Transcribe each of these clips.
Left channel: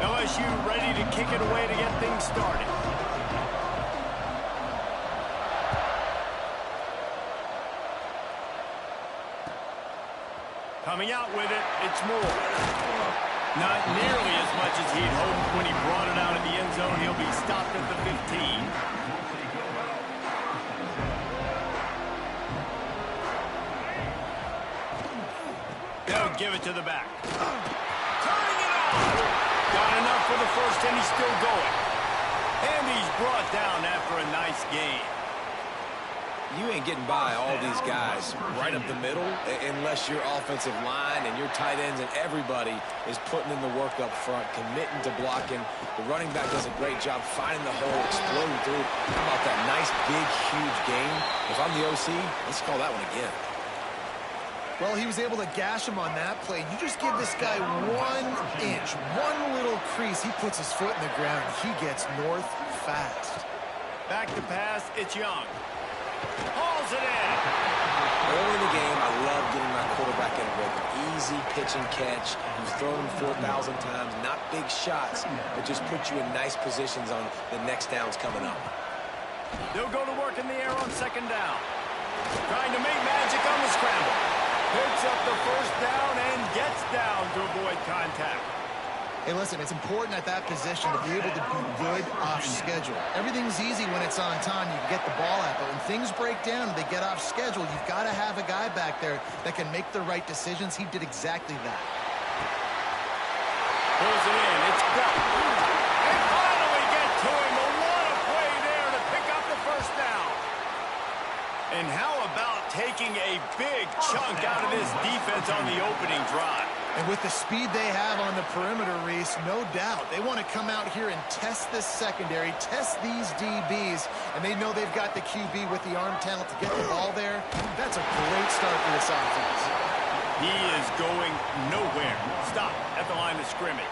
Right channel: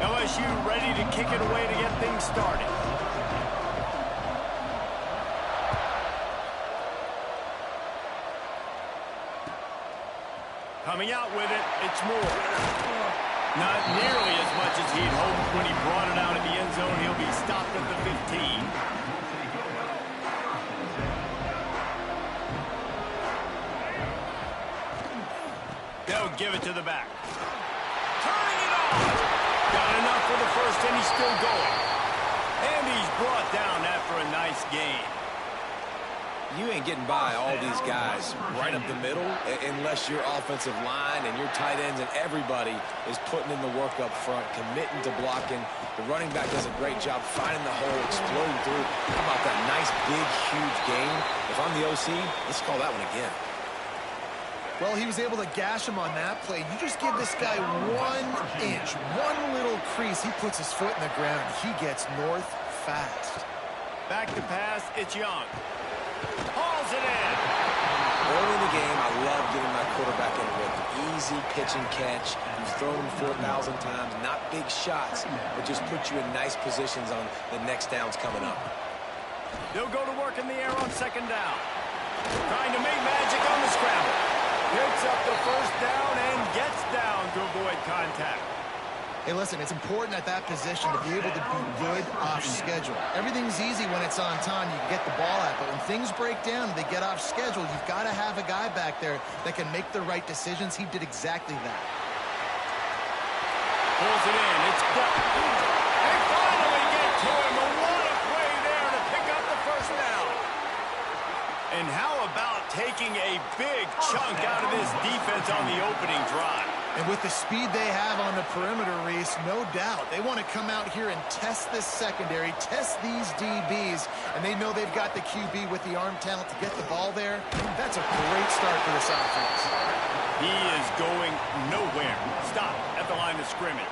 LSU ready to kick it away to get things started. Coming out with it, it's Moore. Not nearly as much as he'd hoped when he brought it out of the end zone. He'll be stopped at the 15. They'll give it to the back. Turning it on. Got enough for the first, and he's still going. And he's brought down after a nice gain. You ain't getting by all these guys right up the middle unless your offensive line and your tight ends and everybody is putting in the work up front, committing to blocking. The running back does a great job finding the hole, exploding through. How about that nice, big, huge gain? If I'm the OC, let's call that one again. Well, he was able to gash him on that play. You just give this guy 1 inch, one little crease. He puts his foot in the ground, and he gets north fast. Back to pass, it's Young. Hauls it in. Early in the game, I love getting my quarterback in a rhythm. Easy pitch and catch. He's thrown them 4,000 times. Not big shots, but just put you in nice positions on the next downs coming up. They'll go to work in the air on second down. Trying to make magic on the scramble. Picks up the first down and gets down to avoid contact. Hey, listen, it's important at that position to be able to be good off schedule. Everything's easy when it's on time. You can get the ball out, but when things break down and they get off schedule, you've got to have a guy back there that can make the right decisions. He did exactly that. Pulls it in. It's dealt. They finally get to him. A what a play there to pick up the first down. And how about taking a big chunk out of this defense on the opening drive? And with the speed they have on the perimeter, Reese, no doubt, they want to come out here and test this secondary, test these DBs, and they know they've got the QB with the arm talent to get the ball there. That's a great start for this offense. He is going nowhere. Stop at the line of scrimmage.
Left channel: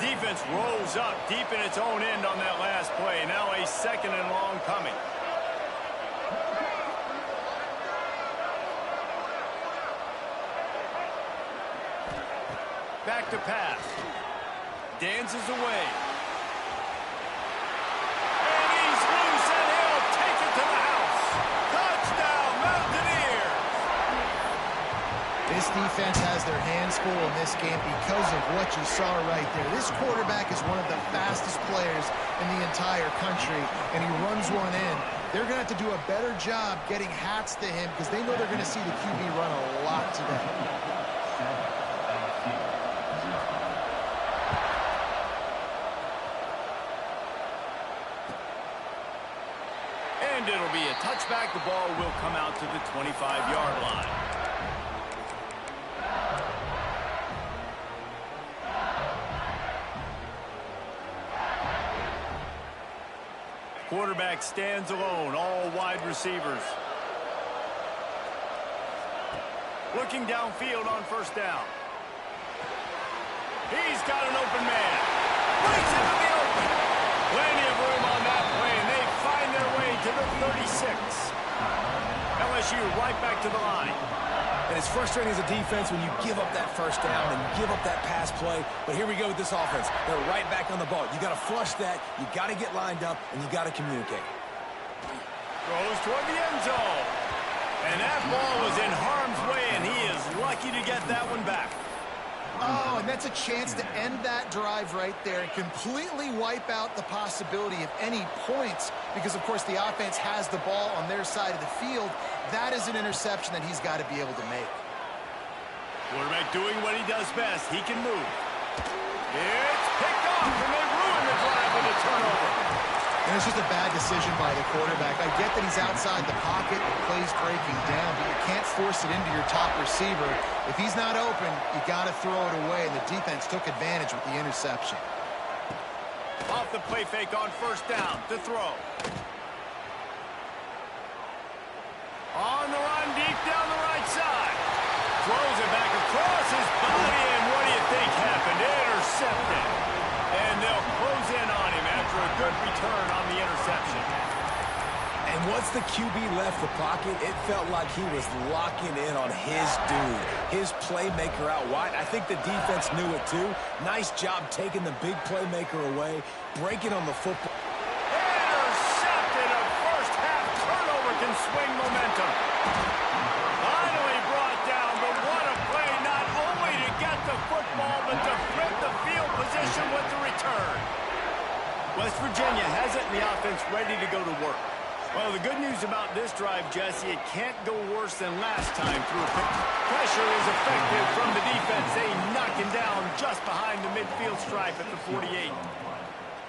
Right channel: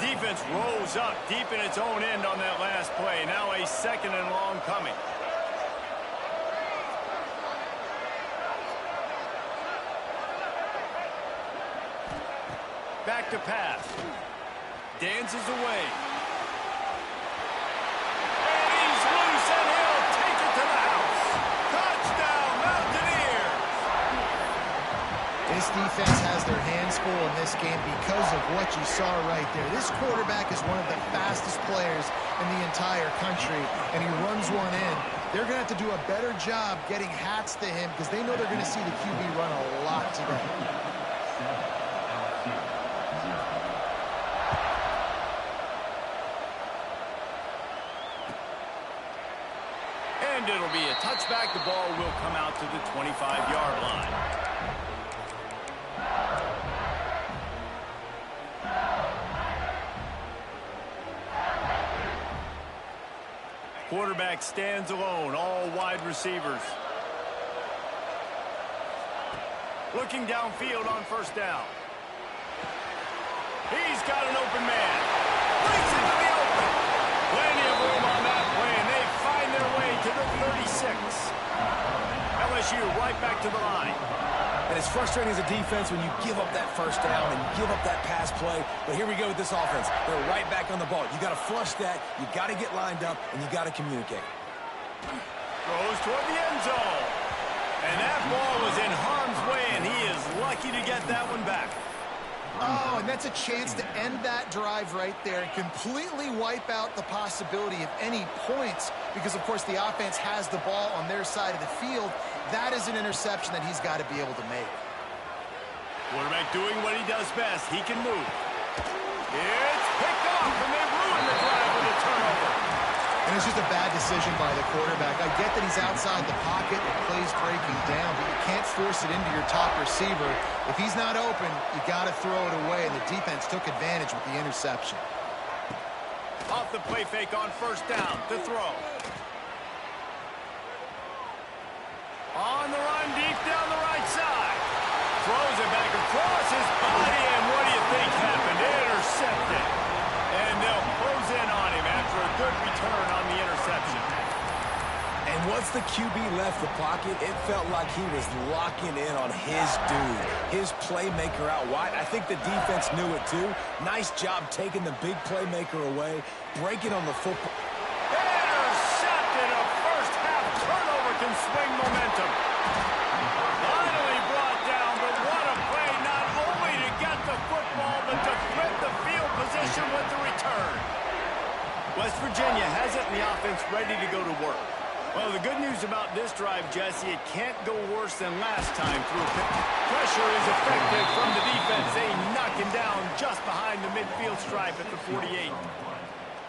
Defense rolls up deep in its own end on that last play. Now a second and long coming. Back to pass. Dances away. And he's loose, and he'll take it to the house. Touchdown, Mountaineers! This defense has their hands full in this game because of what you saw right there. This quarterback is one of the fastest players in the entire country, and he runs one in. They're going to have to do a better job getting hats to him because they know they're going to see the QB run a lot today. And it'll be a touchback. The ball will come out to the 25-yard line. Quarterback stands alone, all wide receivers. Looking downfield on first down. He's got an open man. Breaks into the open. Plenty of room on that play, and they find their way to the 36. LSU right back to the line. And it's frustrating as a defense when you give up that first down and you give up that pass play. But here we go with this offense. They're right back on the ball. You got to flush that. You got to get lined up, and you got to communicate. Throws toward the end zone. And that ball was in harm's way, and he is lucky to get that one back. Oh, and that's a chance to end that drive right there and completely wipe out the possibility of any points because, of course, the offense has the ball on their side of the field. That is an interception that he's got to be able to make. Quarterback doing what he does best. He can move. It's picked off, and they ruin the drive with a turnover. And it's just a bad decision by the quarterback. I get that he's outside the pocket, the play's breaking down, but you can't force it into your top receiver. If he's not open, you got to throw it away, and the defense took advantage with the interception. Off the play fake on first down to throw. On the run, deep down the right side. Throws it back across his body, and what do you think happened? Intercepted. And they'll close in on him after a good return on the interception. And once the QB left the pocket, it felt like he was locking in on his dude, his playmaker out wide. I think the defense knew it too. Nice job taking the big playmaker away, breaking on the football. Intercepted. A first half turnover can swing momentum. Finally brought down, but what a play, not only to get the football, but to flip the field position with the return. West Virginia has it in the offense ready to go to work. Well, the good news about this drive, Jesse, it can't go worse than last time through a pick. Pressure is effective from the defense. They knock him down just behind the midfield stripe at the 48.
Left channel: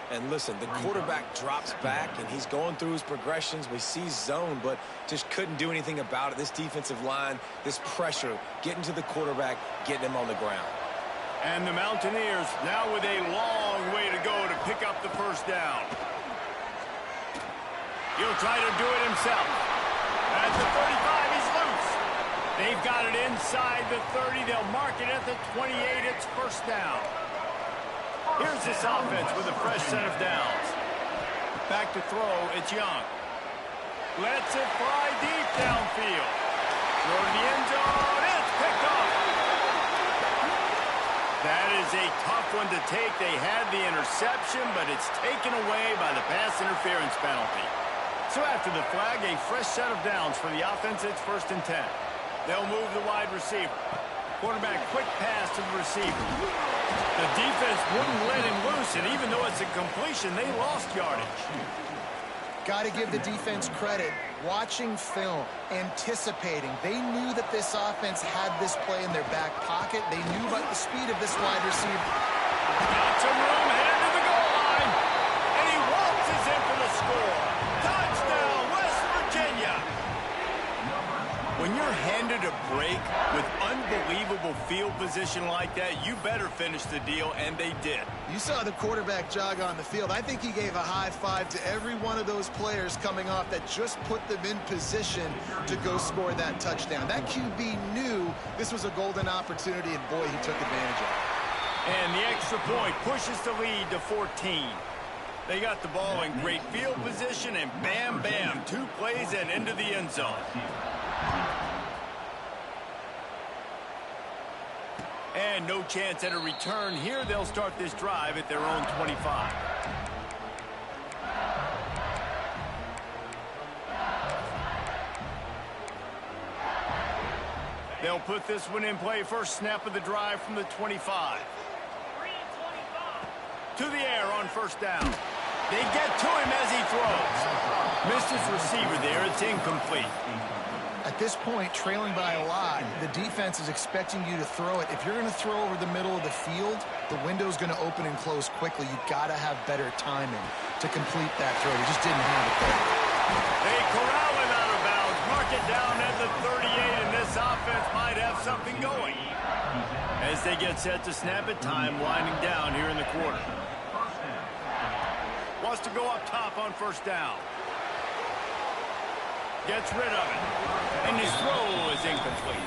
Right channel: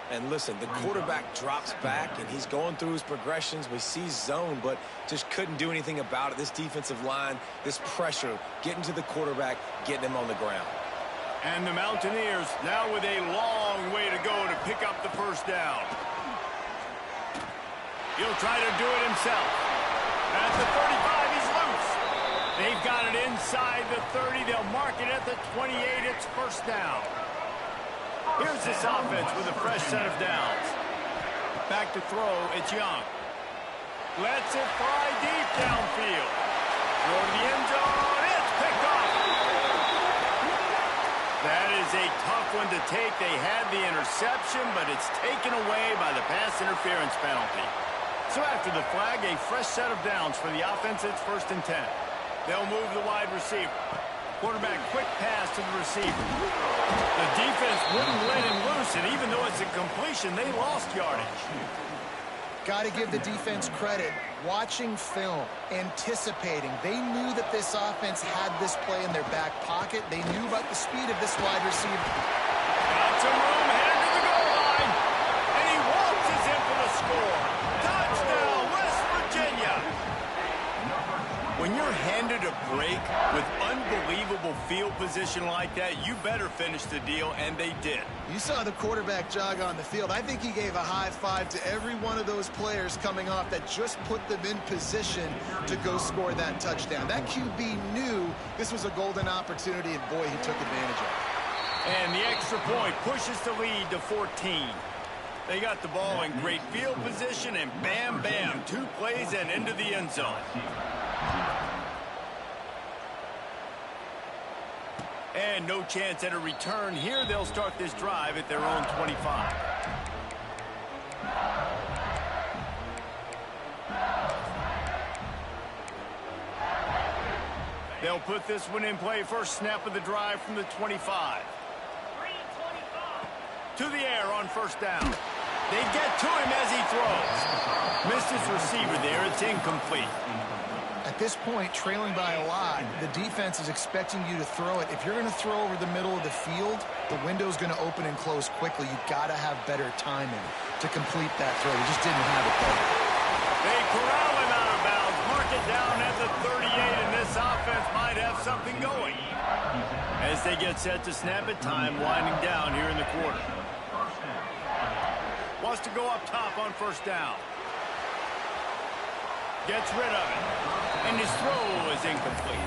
And listen, the quarterback drops back, and he's going through his progressions. We see zone, but just couldn't do anything about it. This defensive line, this pressure, getting to the quarterback, getting him on the ground. And the Mountaineers now with a long way to go to pick up the first down. He'll try to do it himself. At the 35, he's loose. They've got it inside the 30. They'll mark it at the 28. It's first down. Here's this offense with a fresh set of downs. Back to throw, it's Young. Lets it fly deep downfield. Throw to the end zone, it's picked off. That is a tough one to take. They had the interception, but it's taken away by the pass interference penalty. So after the flag, a fresh set of downs for the offense. It's 1st and 10. They'll move the wide receiver. Quarterback quick pass to the receiver. The defense wouldn't let him loose, and even though it's a completion, they lost yardage. Got to give the defense credit. Watching film, anticipating. They knew that this offense had this play in their back pocket. They knew about the speed of this wide receiver. Got some room, headed to the goal line. And he waltzes in for the score. Touchdown, West Virginia. When you're handed a break with unbelievable field position like that, you better finish the deal, and they did. You saw the quarterback jog on the field. I think he gave a high five to every one of those players coming off that just put them in position to go score that touchdown. That QB knew this was a golden opportunity, and boy, he took advantage of it. And the extra point pushes the lead to 14. They got the ball in great field position, and bam, bam, 2 plays and into the end zone. And no chance at a return here. They'll start this drive at their own 25. They'll put this one in play. First snap of the drive from the 25. To the air on first down. They get to him as he throws. Missed his receiver there. It's incomplete. At this point, trailing by a lot, the defense is expecting you to throw it. If you're going to throw over the middle of the field, the window's going to open and close quickly. You've got to have better timing to complete that throw. They just didn't have it there. They corral him out of bounds, mark it down at the 38, and this offense might have something going. As they get set to snap it, time winding down here in the quarter. Wants to go up top on first down. Gets rid of it. And his throw is incomplete.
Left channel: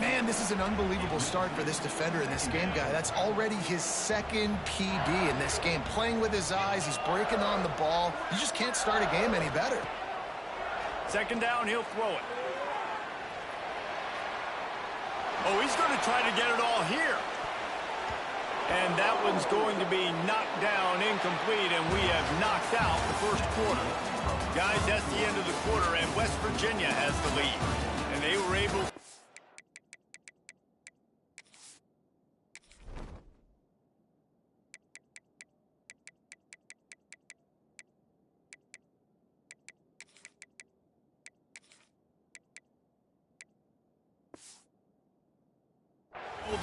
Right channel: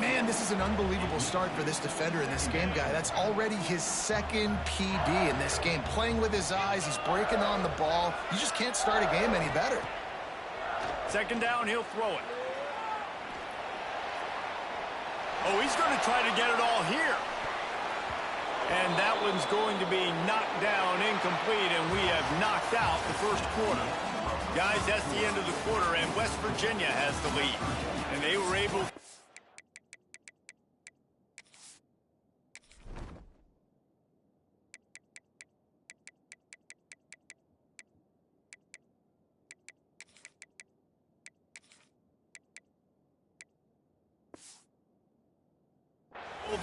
Man, this is an unbelievable start for this defender in this game, guy. That's already his 2nd PD in this game. Playing with his eyes, he's breaking on the ball. You just can't start a game any better. 2nd down, he'll throw it. Oh, he's going to try to get it all here. And that one's going to be knocked down, incomplete, and we have knocked out the first quarter. Guys, that's the end of the quarter, and West Virginia has the lead. And they were able...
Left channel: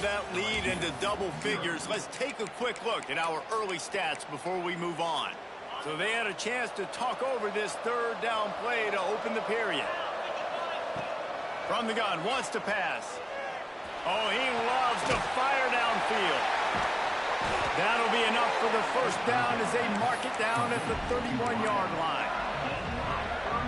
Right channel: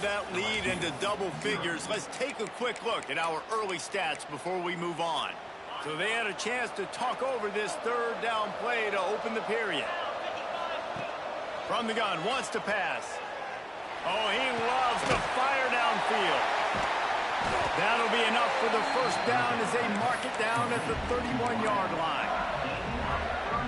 that lead into double figures. Let's take a quick look at our early stats before we move on. So they had a chance to talk over this third down play to open the period. From the gun, wants to pass. Oh, he loves to fire downfield. That'll be enough for the first down as they mark it down at the 31-yard line.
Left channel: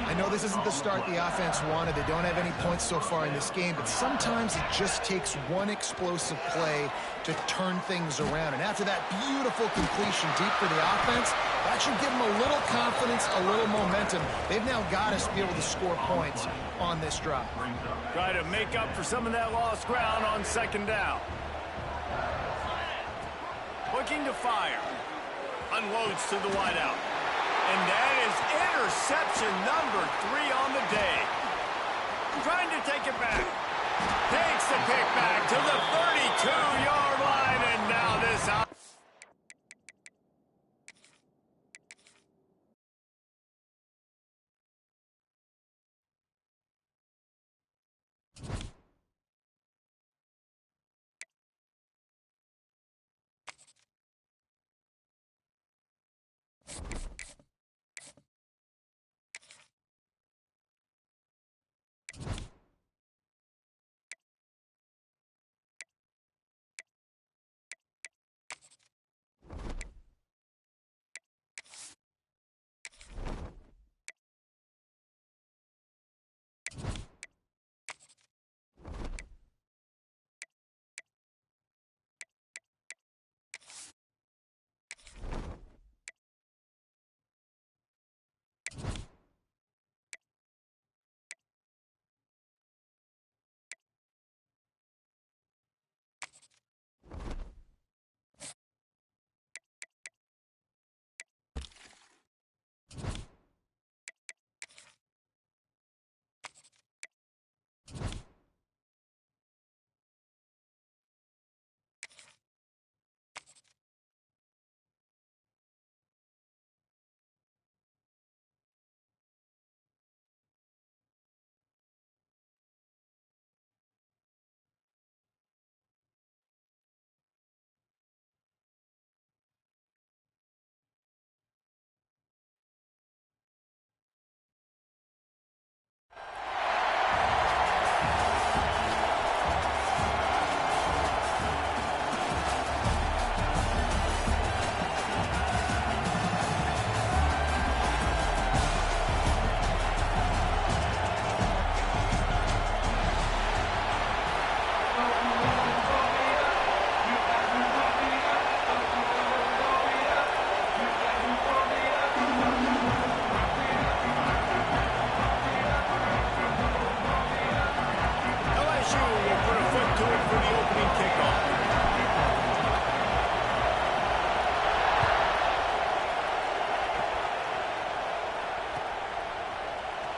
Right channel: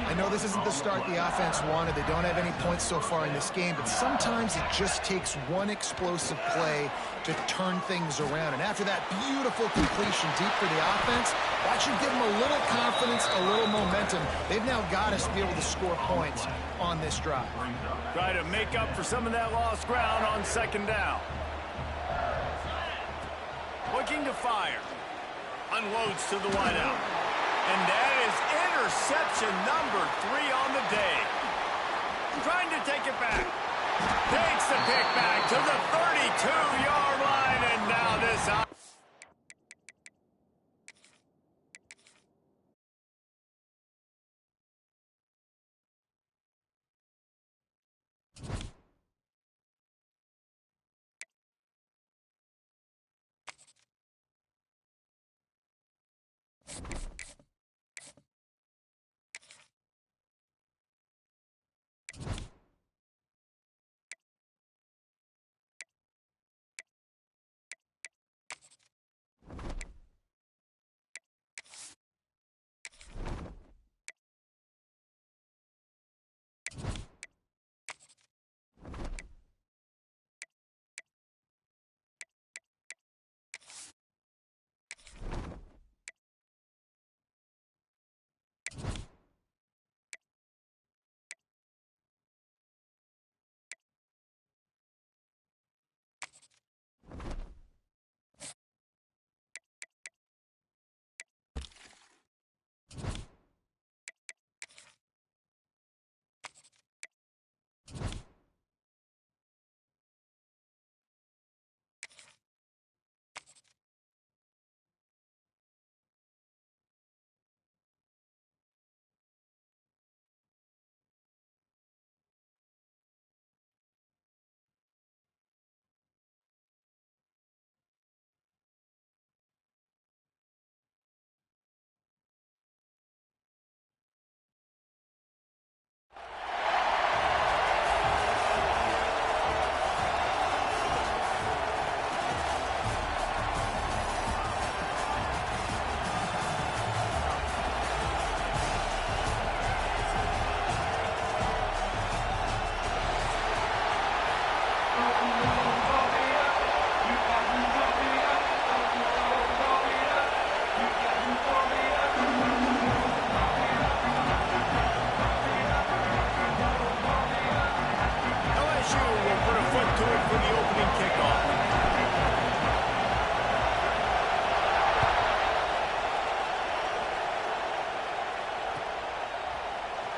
I know this isn't the start the offense wanted. They don't have any points so far in this game, but sometimes it just takes one explosive play to turn things around. And after that beautiful completion deep for the offense, that should give them a little confidence, a little momentum. They've now got us to be able to score points on this drive. Try to make up for some of that lost ground on second down. Looking to fire. Unloads to the wideout. And that is interception number 3 on the day. Trying to take it back. Takes the pick back to the 32-yard line, and now this out.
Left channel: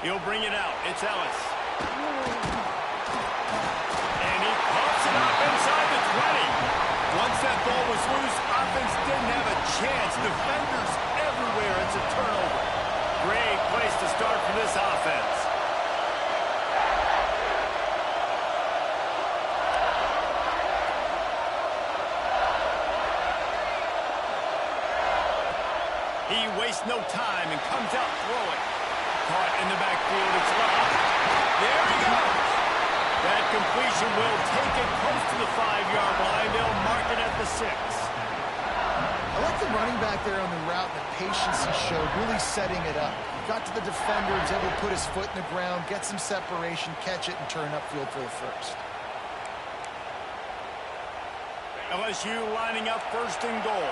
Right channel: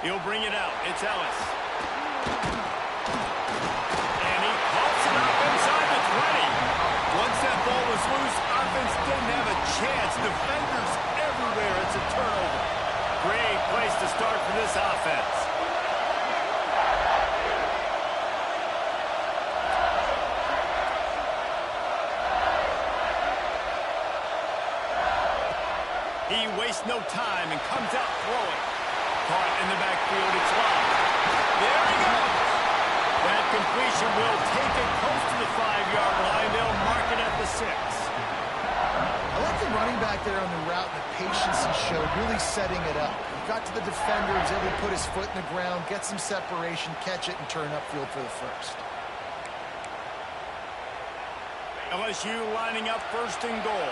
He'll bring it out. It's Ellis. And he pops it up inside the 20. Once that ball was loose, offense didn't have a chance. Defenders everywhere. It's a turnover. Great place to start for this offense. He wastes no time and comes out throwing. Caught in the backfield, it's locked. There he goes. That completion will take it close to the 5-yard line. They'll mark it at the 6. I like the running back there on the route and the patience he showed, really setting it up. He got to the defender, was able to put his foot in the ground, get some separation, catch it, and turn upfield for the first. LSU lining up first and goal.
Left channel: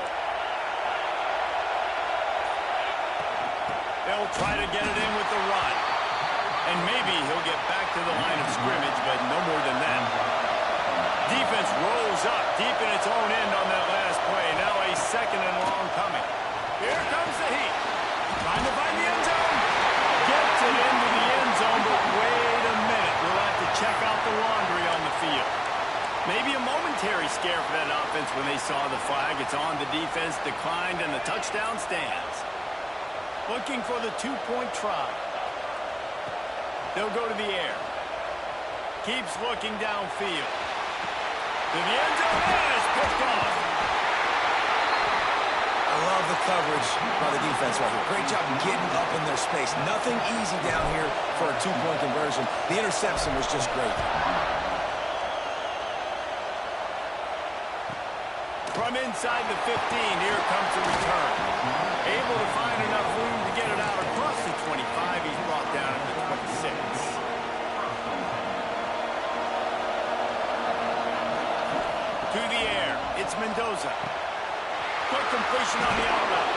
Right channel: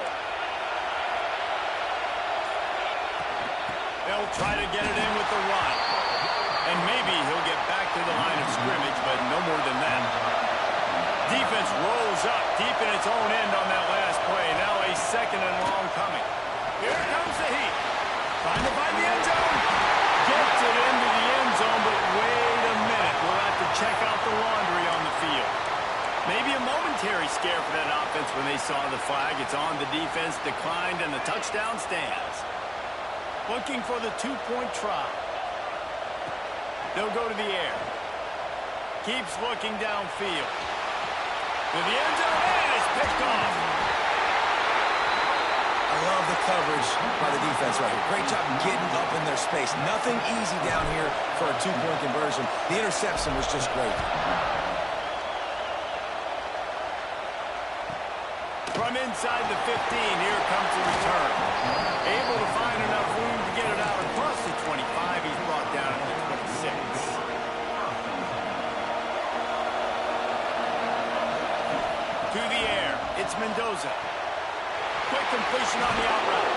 They'll try to get it in with the run. And maybe he'll get back to the line of scrimmage, but no more than that. Defense rolls up deep in its own end on that last play. Now a second and long coming. Here comes the heat. Trying to find the end zone. Gets it into the end zone, but wait a minute. We'll have to check out the laundry on the field. Maybe a momentary scare for that offense when they saw the flag. It's on the defense, declined, and the touchdown stands. Looking for the 2-point try. They'll go to the air. Keeps looking downfield. To the end zone, and it's picked off. I love the coverage by the defense right here. Great job getting up in their space. Nothing easy down here for a two-point conversion. The interception was just great. From inside the 15, here comes the return. Able to find enough room to get it out across the 25. He's brought down at the 26. To the air, it's Mendoza. Quick completion on the out route.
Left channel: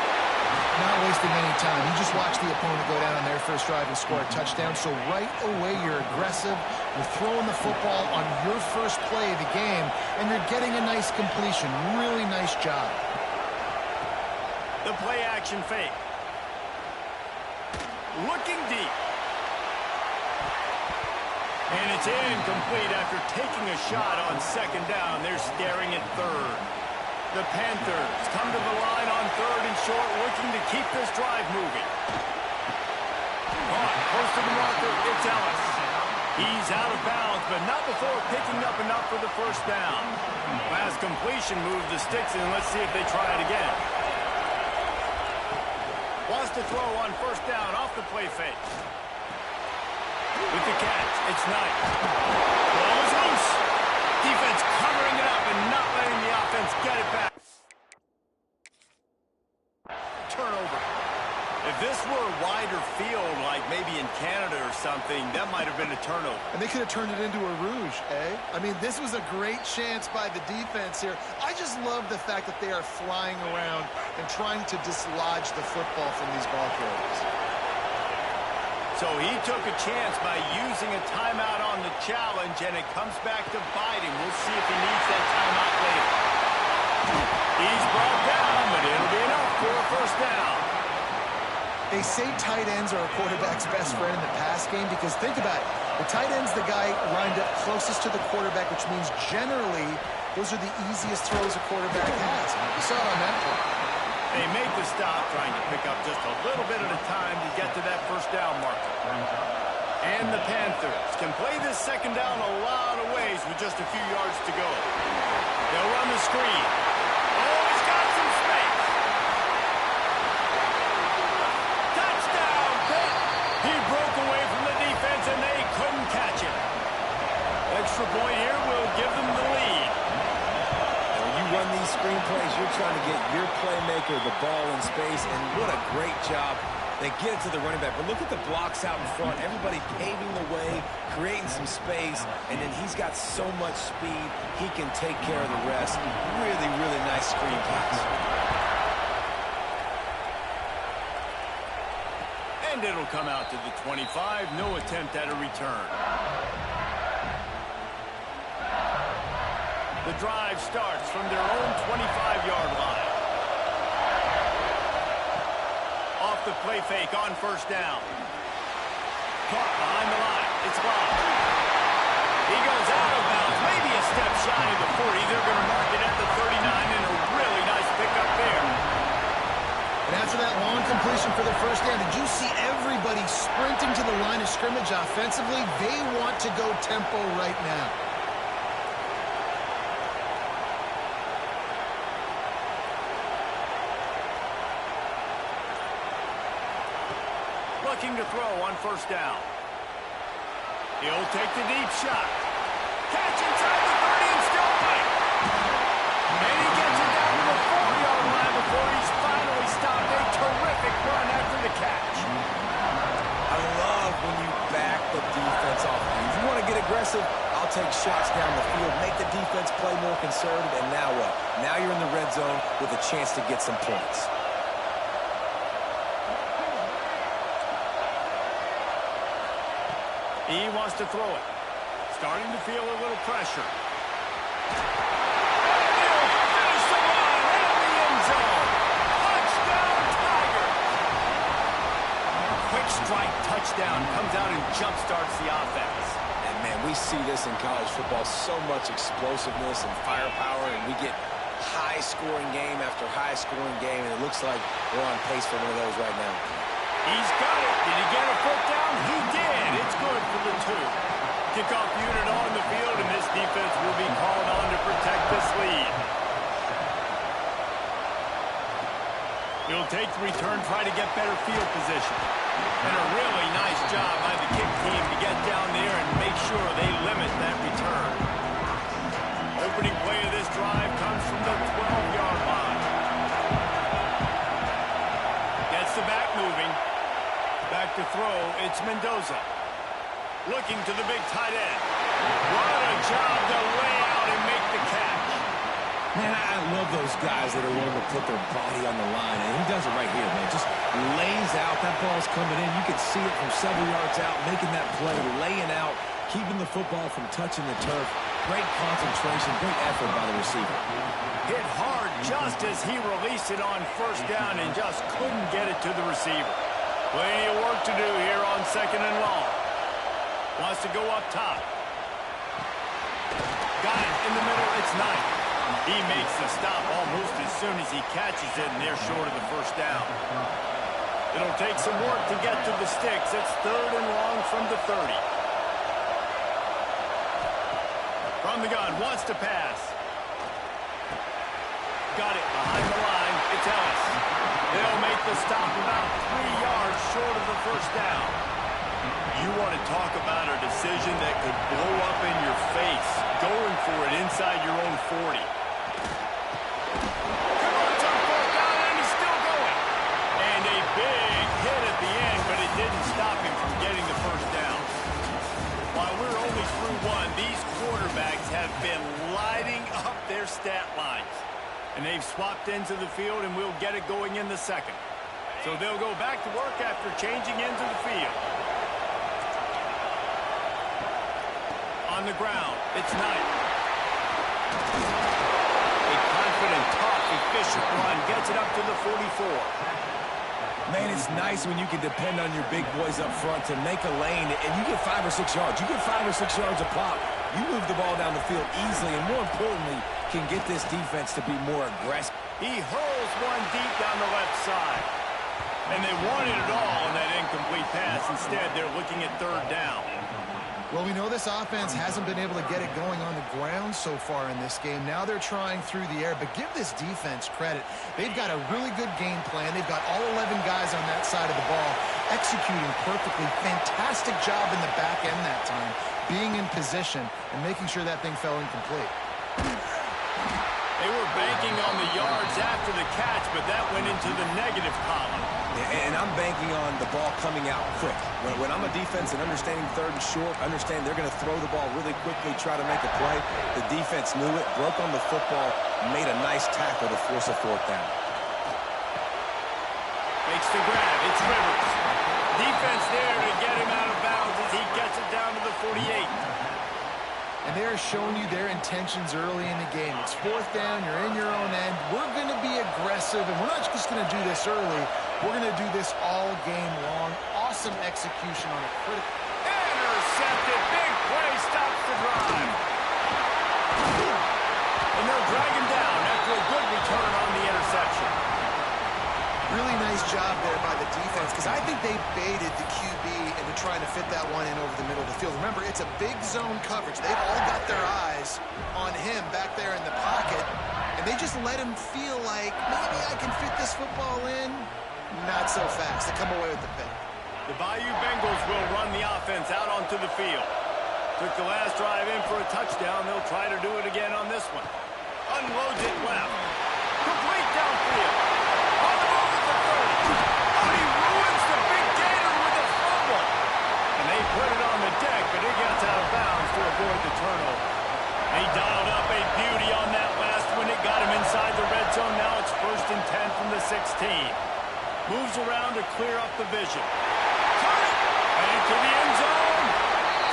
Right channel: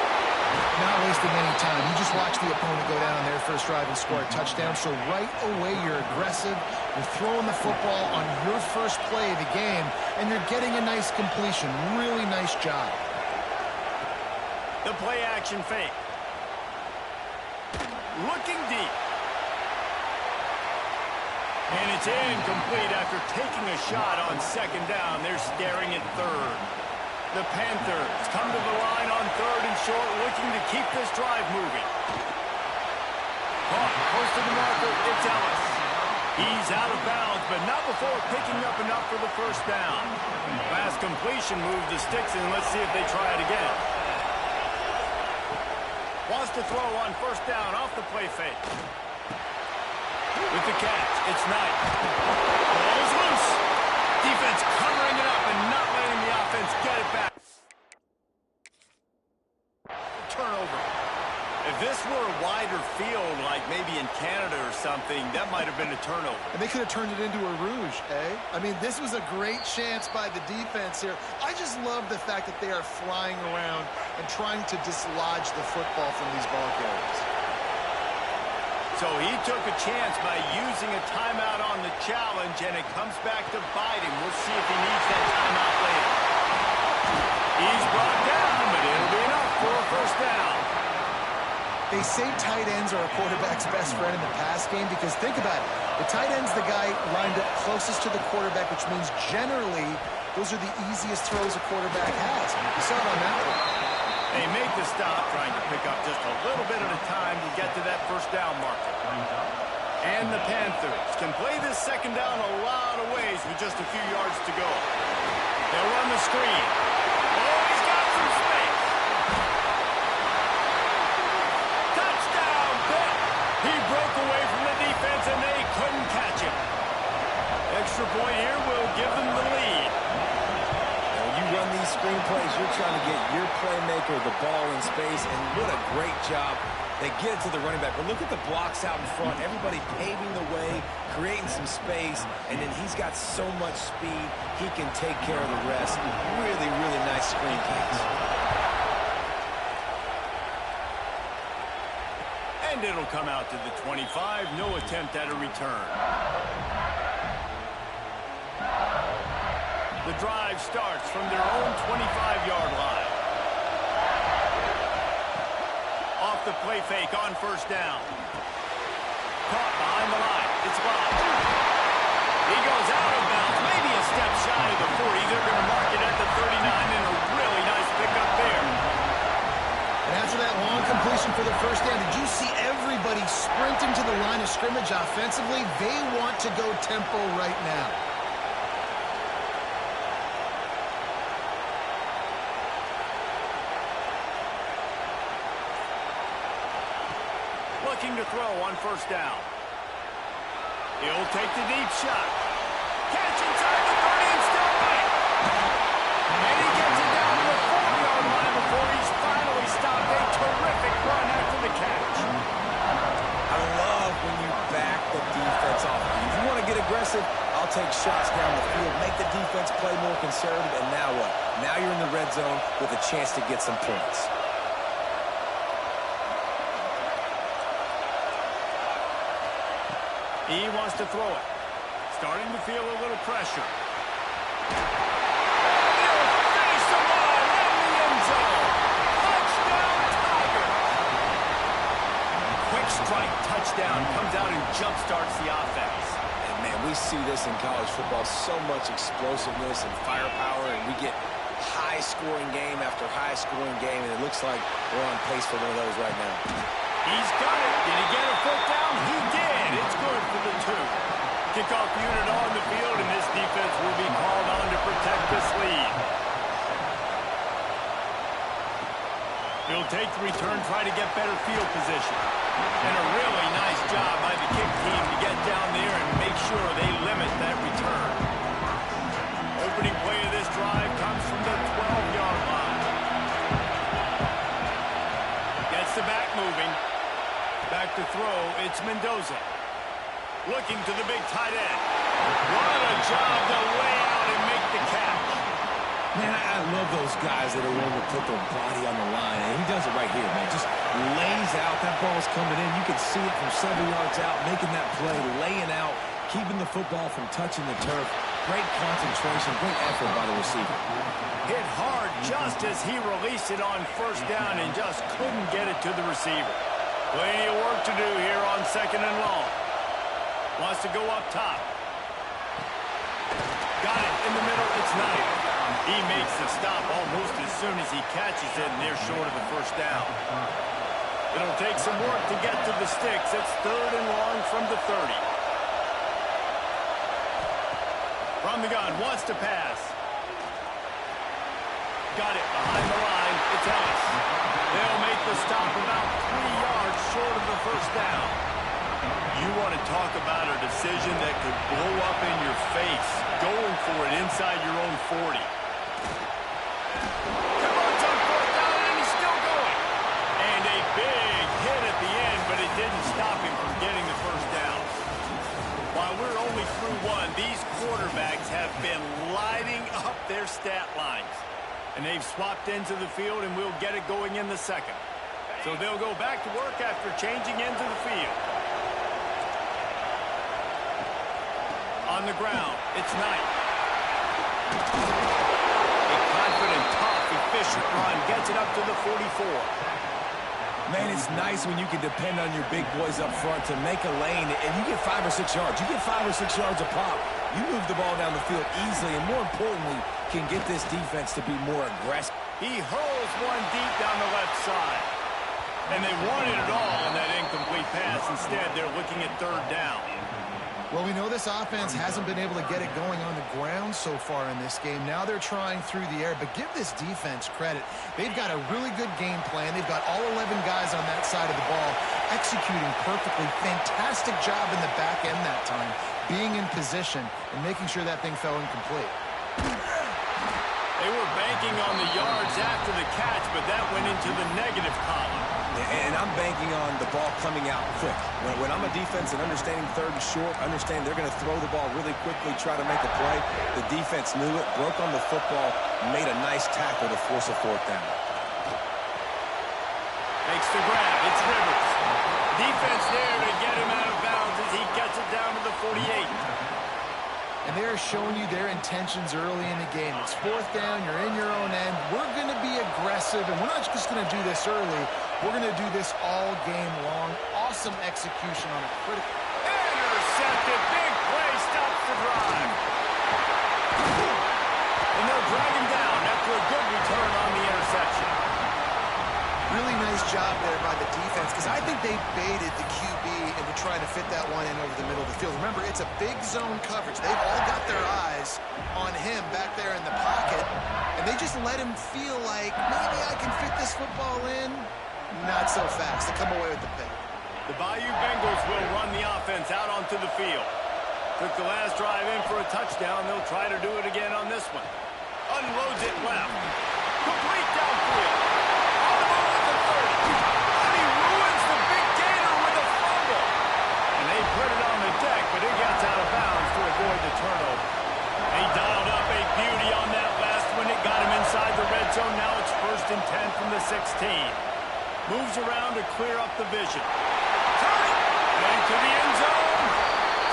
Not wasting any time. You just watch the opponent go down on their first drive and score a touchdown. So right away, you're aggressive. You're throwing the football on your first play of the game, and you're getting a nice completion. Really nice job. The play action fake. Looking deep. And it's incomplete after taking a shot on second down. They're staring at third. The Panthers come to the line on third and short, looking to keep this drive moving. Caught close to the marker, it's Ellis. He's out of bounds, but not before picking up enough for the first down. Fast completion moves the sticks in. Let's see if they try it again. Wants to throw on first down off the play fake. With the catch, it's Knight. Ball is loose. Defense covering it up and not letting the offense get it back. Turnover. If this were a wider field, like maybe in Canada or something, that might have been a turnover. And they could have turned it into a rouge, eh? I mean, this was a great chance by the defense here. I just love the fact that they are flying around and trying to dislodge the football from these ball carriers. So he took a chance by using a timeout on the challenge, and it comes back to bite him. We'll see if he needs that timeout later. He's brought down, but it'll be enough for a first down. They say tight ends are a quarterback's best friend in the pass game because think about it. The tight end's the guy lined up closest to the quarterback, which means generally those are the easiest throws a quarterback has. You saw it on that play. They make the stop, trying to pick up just a little bit at a time to get to that first down marker. And the Panthers can play this second down a lot of ways with just a few yards to go. They'll run the screen. Oh, he's got some space. Touchdown, Pitt. He broke away from the defense, and they couldn't catch him. Extra point here will give them the lead. You run these screen plays, you're trying to get your playmaker the ball in space, and what a great job. They get it to the running back. But look at the blocks out in front. Everybody paving the way, creating some space, and then he's got so much speed, he can take care of the rest. Really, really nice screen pass. And it'll come out to the 25. No attempt at a return. The drive starts from their own 25-yard line. Off the play fake on first down. Caught behind the line. It's blocked. He goes out of bounds, maybe a step shy of the 40. They're going to mark it at the 39, and a really nice pickup there. And after that long completion for the first down, did you see everybody sprinting to the line of scrimmage offensively? They want to go tempo right now. Looking to throw on first down. He'll take the deep shot. Catch inside the 30 and still running. And he gets it down to the 4-yard line before he's finally stopped. A terrific run after the catch. I love when you back the defense off. If you want to get aggressive, I'll take shots down the field, make the defense play more conservative, and now what? Now you're in the red zone with a chance to get some points. He wants to throw it. Starting to feel a little pressure. And he'll finish the run in the end zone. Touchdown, Tigers. Quick strike touchdown comes out and jump-starts the offense. And, man, we see this in college football, so much explosiveness and firepower, and we get high-scoring game after high-scoring game, and it looks like we're on pace for one of those right now. He's got it. Did he get a foot down? He did. It's good for the 2. Kickoff unit on the field, and this defense will be called on to protect this lead. He'll take the return, try to get better field position. And a really nice job by the kick team to get down there and make sure they limit that return. Opening play of this drive comes from the 12-yard line. Gets the back moving. Back to throw, it's Mendoza. Looking to the big tight end. What a job to lay out and make the catch. Man, I love those guys that are willing to put their body on the line, and he does it right here, man. Just lays out. That ball's coming in. You can see it from several yards out, making that play, laying out, keeping the football from touching the turf. Great concentration, great effort by the receiver. Hit hard just as he released it on first down and just couldn't get it to the receiver. Plenty of work to do here on 2nd and long. Wants to go up top. Got it in the middle. It's Knight. He makes the stop almost as soon as he catches it, and they're short of the first down. It'll take some work to get to the sticks. It's 3rd and long from the 30. From the gun, wants to pass. Got it behind the line. It's Ellis. They'll make the stop about 3 yards short of the first down. You want to talk about a decision that could blow up in your face, going for it inside your own 40. Converts on 4th down, and he's still going. And a big hit at the end, but it didn't stop him from getting the first down. While we're only through one, these quarterbacks have been lighting up their stat lines. And they've swapped into the field, and we'll get it going in the 2nd. So they'll go back to work after changing into the field. On the ground, it's Knight. A confident, tough, efficient run gets it up to the 44. Man, it's nice when you can depend on your big boys up front to make a lane, and you get 5 or 6 yards. You get 5 or 6 yards a pop. You move the ball down the field easily, and more importantly, can get this defense to be more aggressive. He hurls one deep down the left side. And they wanted it all on that incomplete pass. Instead, they're looking at 3rd down. Well, we know this offense hasn't been able to get it going on the ground so far in this game. Now they're trying through the air, but give this defense credit. They've got a really good game plan. They've got all 11 guys on that side of the ball executing perfectly. Fantastic job in the back end that time, being in position and making sure that thing fell incomplete. They were banking on the yards after the catch, but that went into the negative column. And I'm banking on the ball coming out quick. When I'm a defense and understanding 3rd and short, understand they're going to throw the ball really quickly, try to make a play. The defense knew it, broke on the football, made a nice tackle to force a 4th down. Makes the grab. It's Rivers. Defense there to get him out of bounds as he gets it down to the 48. And they're showing you their intentions early in the game. It's 4th down. You're in your own end. We're going to be aggressive, and we're not just going to do this early. We're going to do this all game long. Awesome execution on a critical. Intercepted. Big play stops the drive. And they'll drag him down after a good return on the interception. Really nice job there by the defense, because I think they baited the QB into trying to fit that one in over the middle of the field. Remember, it's a big zone coverage. They've all got their eyes on him back there in the pocket, and they just let him feel like, maybe I can fit this football in. Not so fast. They come away with the pick. The Bayou Bengals will run the offense out onto the field. Took the last drive in for a touchdown. They'll try to do it again on this one. Unloads it left. Complete downfield. On the move at the 30. Oh, he ruins the big gator with a fumble. And they put it on the deck, but it gets out of bounds to avoid the turnover. He dialed up a beauty on that last one. It got him inside the red zone. Now it's 1st and 10 from the 16. Moves around to clear up the vision. Turn it! And into the end zone.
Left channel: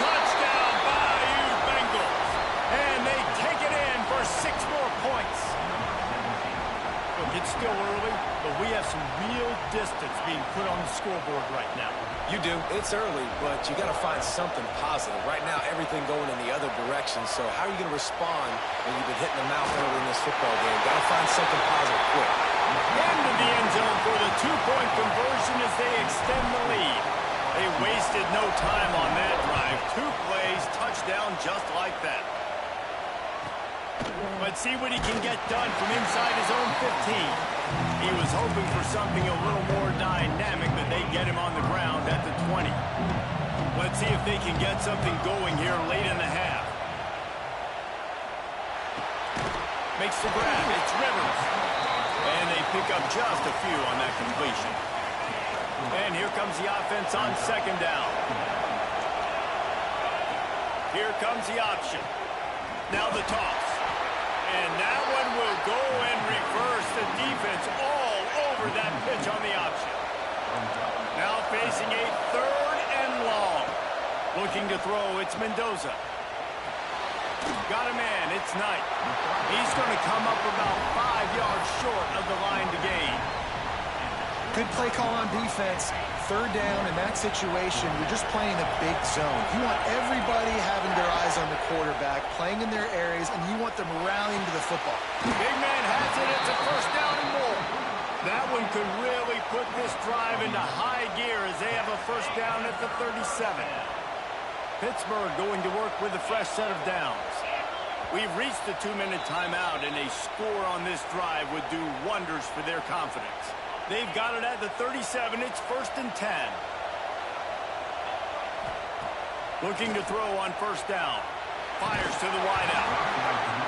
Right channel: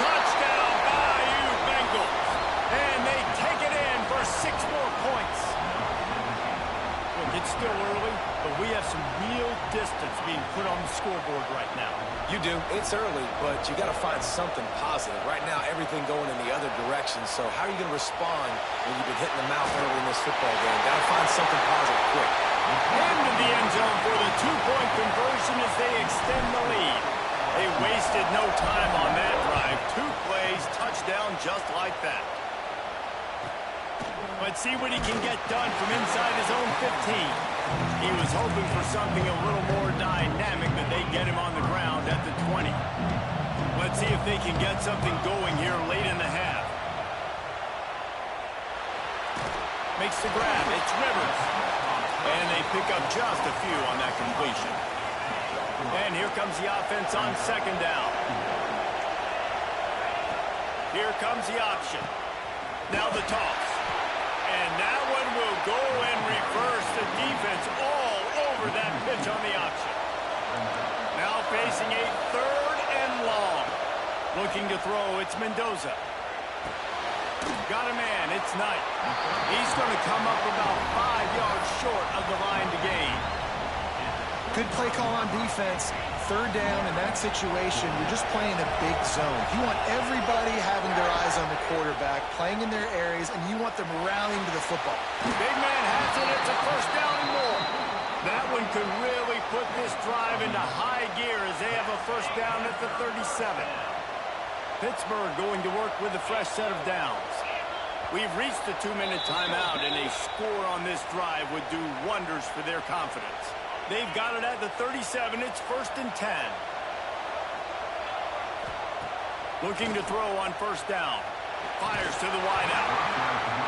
Touchdown, Bayou Bengals. And they take it in for 6 more points. Look, it's still early, but we have some real distance being put on the scoreboard right now. You do. It's early, but you got to find something positive. Right now, everything going in the other direction. So how are you going to respond when you've been hitting the mouth early in this football game? Got to find something positive quick. Into the end zone for the 2-point conversion as they extend the lead. They wasted no time on that drive. 2 plays, touchdown just like that. Let's see what he can get done from inside his own 15. He was hoping for something a little more dynamic, but they get him on the ground at the 20. Let's see if they can get something going here late in the half. Makes the grab. It's Rivers. And they pick up just a few on that completion. And here comes the offense on second down. Here comes the option. Now the toss. And that one will go and reverse the defense all over that pitch on the option. Now facing a third and long. Looking to throw, it's Mendoza. Got a man, it's Knight. He's going to come up about 5 yards short of the line to gain. Good play call on defense. Third down in that situation, you're just playing a big zone. You want everybody having their eyes on the quarterback, playing in their areas, and you want them rallying to the football. Big man has it. It's a first down and more. That one could really put this drive into high gear as they have a first down at the 37. Pittsburgh going to work with a fresh set of downs. We've reached the 2-minute timeout, and a score on this drive would do wonders for their confidence. They've got it at the 37. It's 1st and 10. Looking to throw on first down. Fires to the wideout.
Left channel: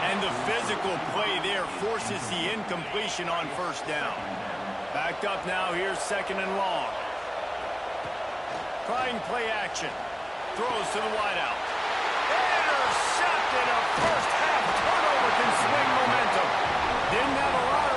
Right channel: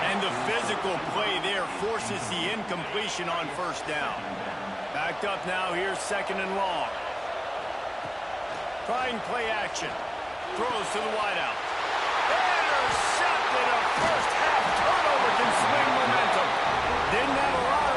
And the physical play there forces the incompletion on first down. Backed up now. Here's second and long. Trying play action. Throws to the wideout. Intercepted. A first half turnover can swing momentum. Didn't have a lot of...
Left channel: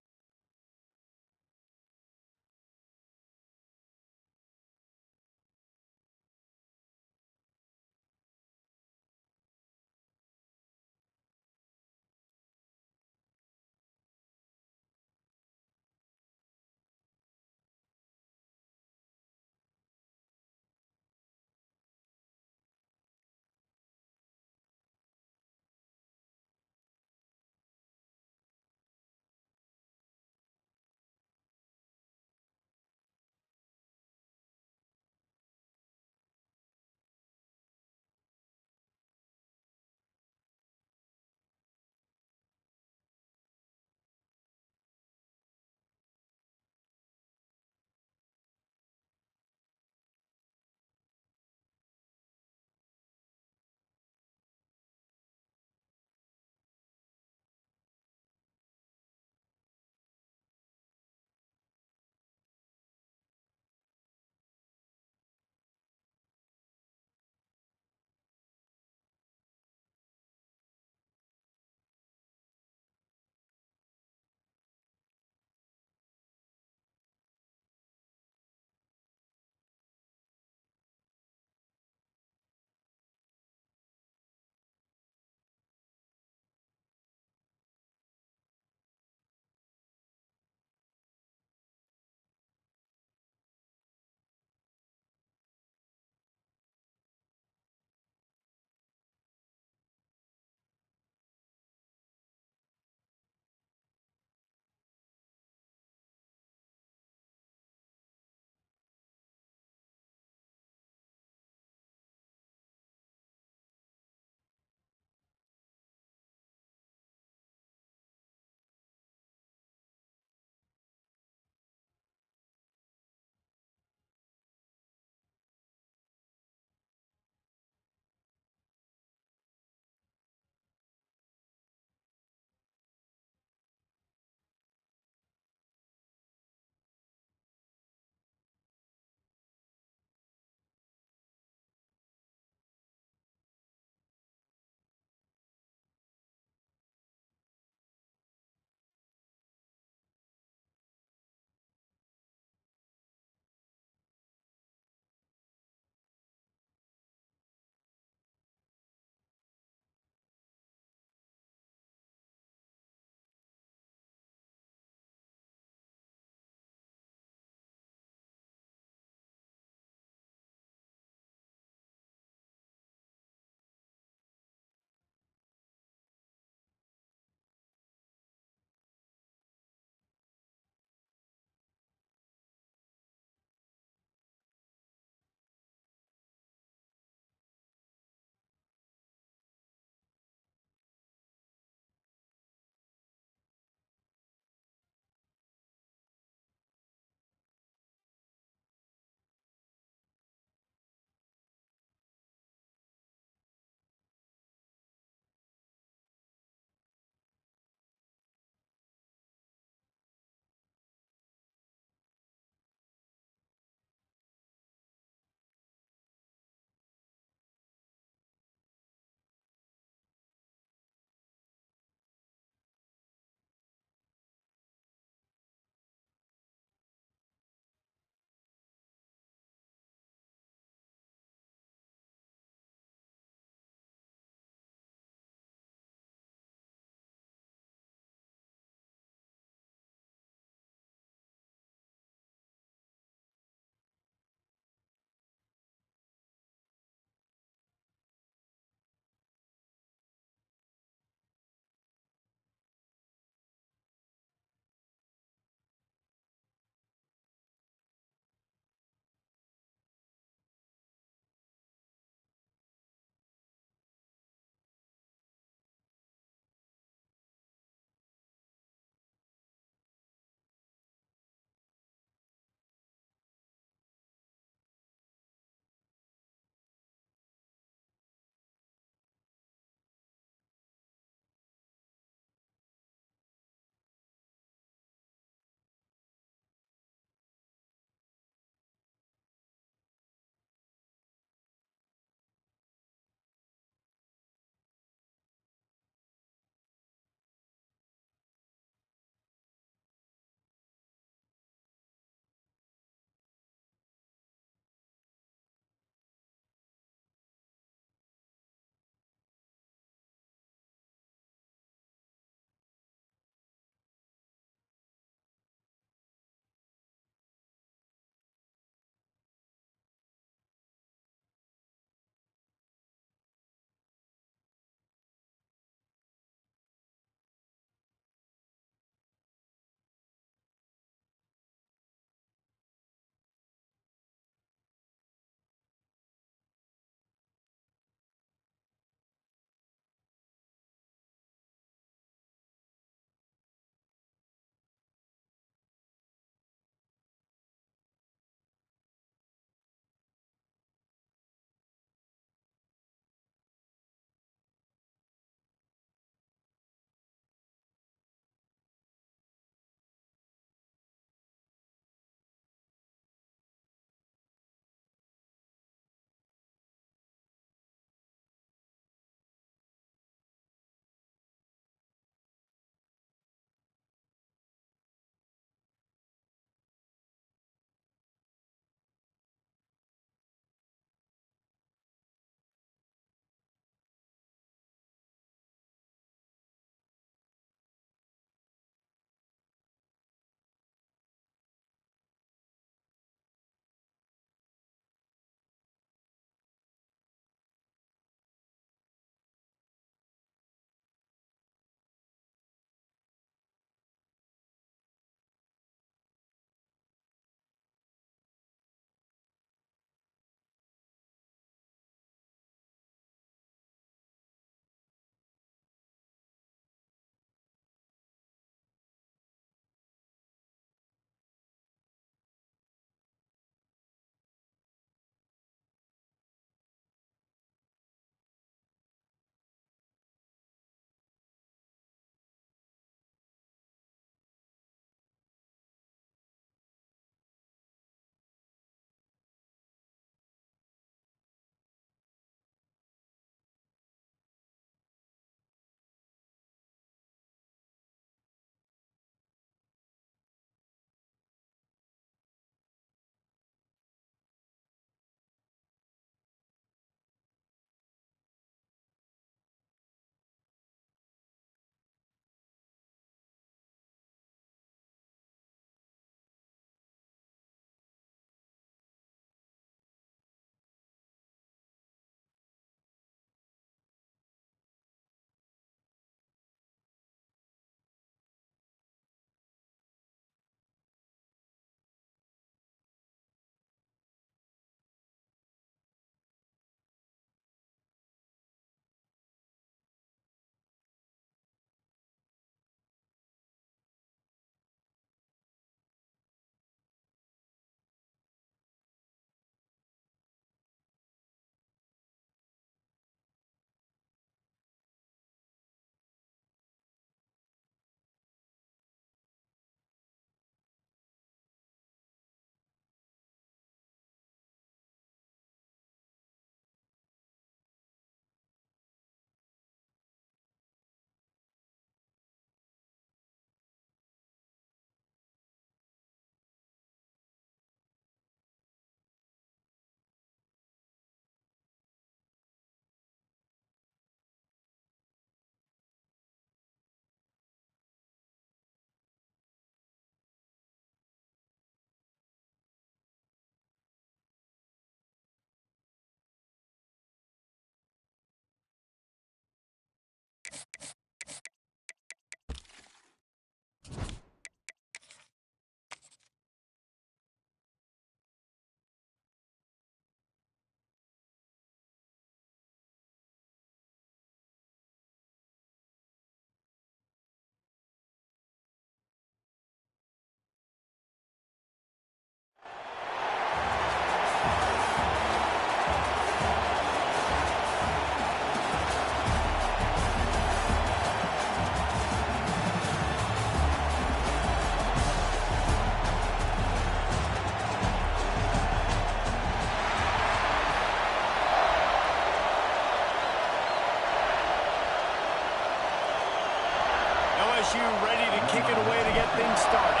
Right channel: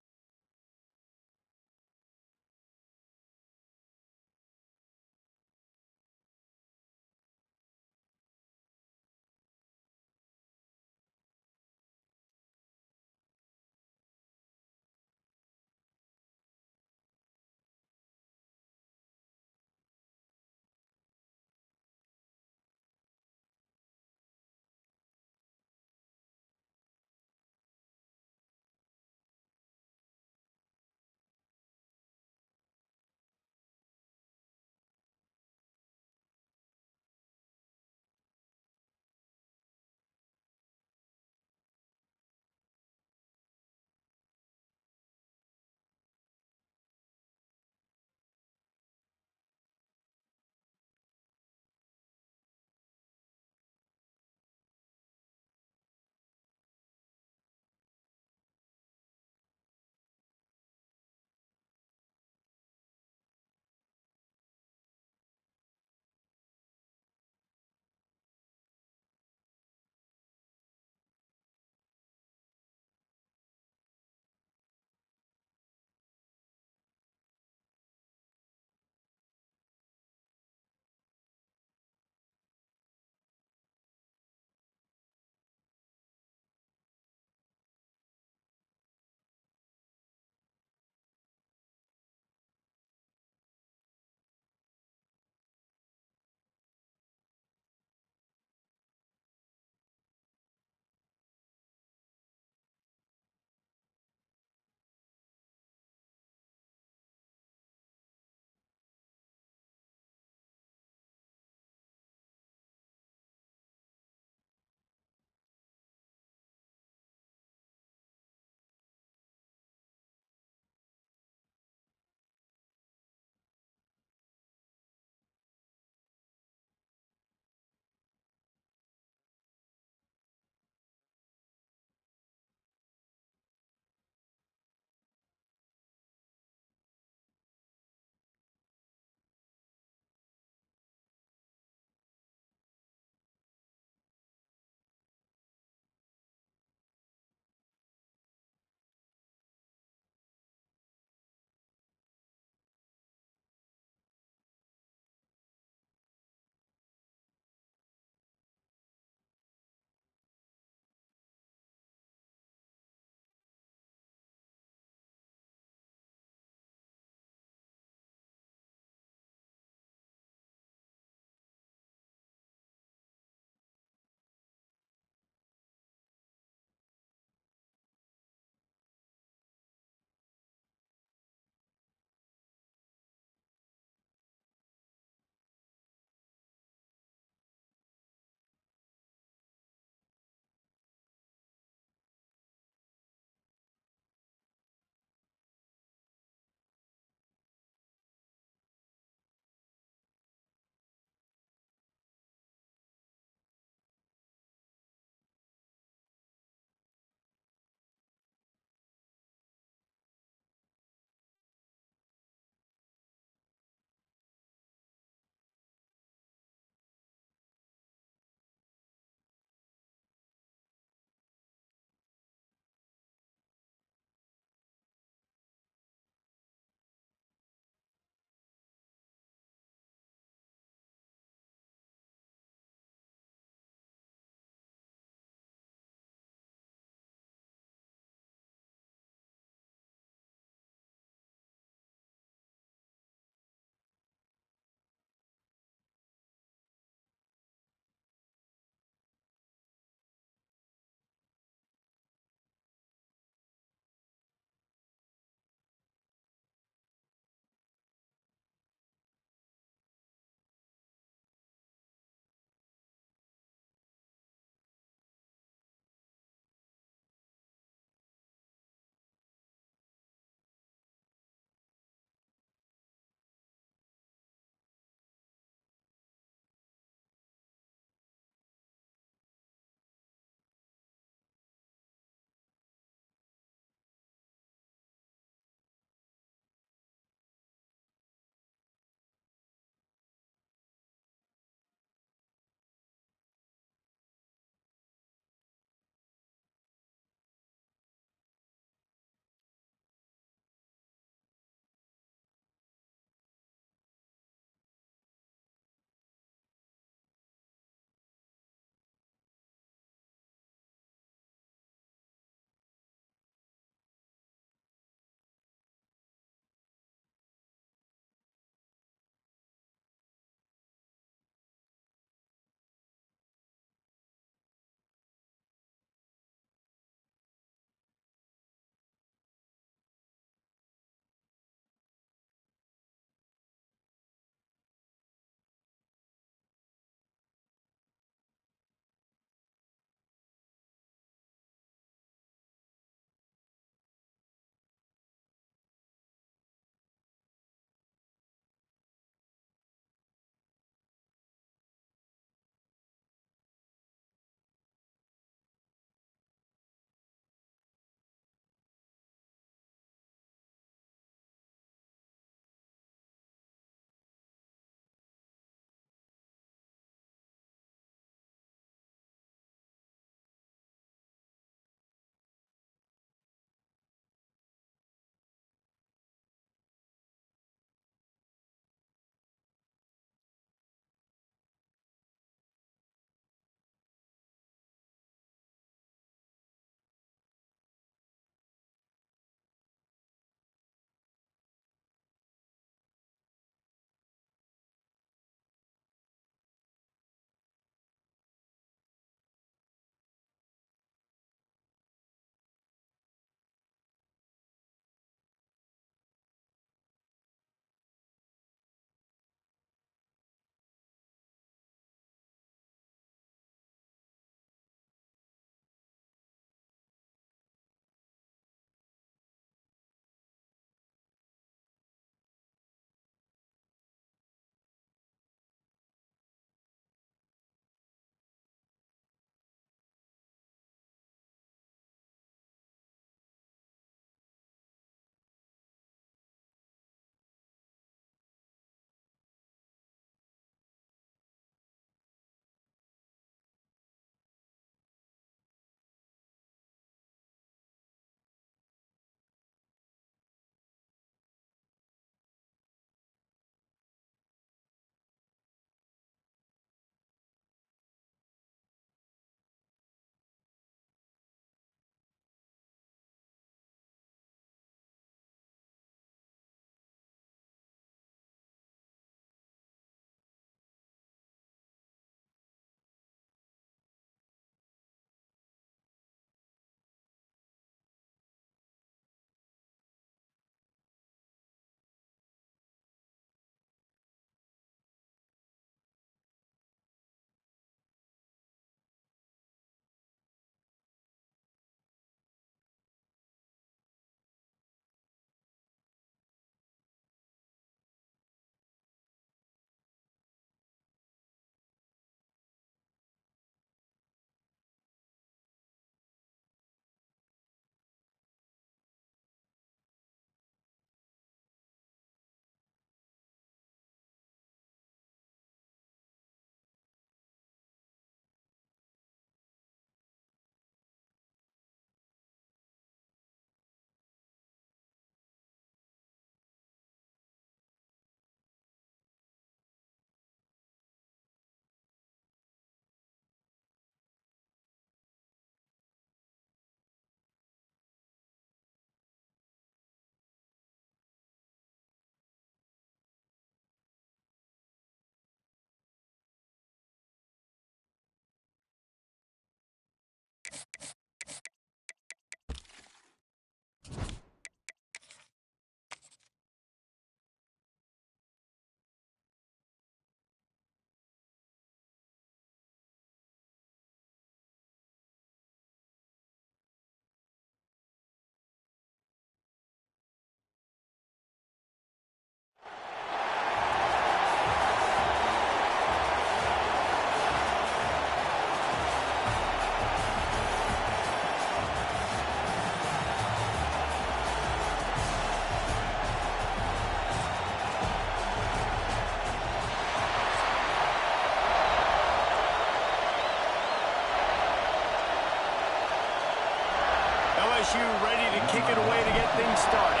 LSU ready to kick it away to get things started.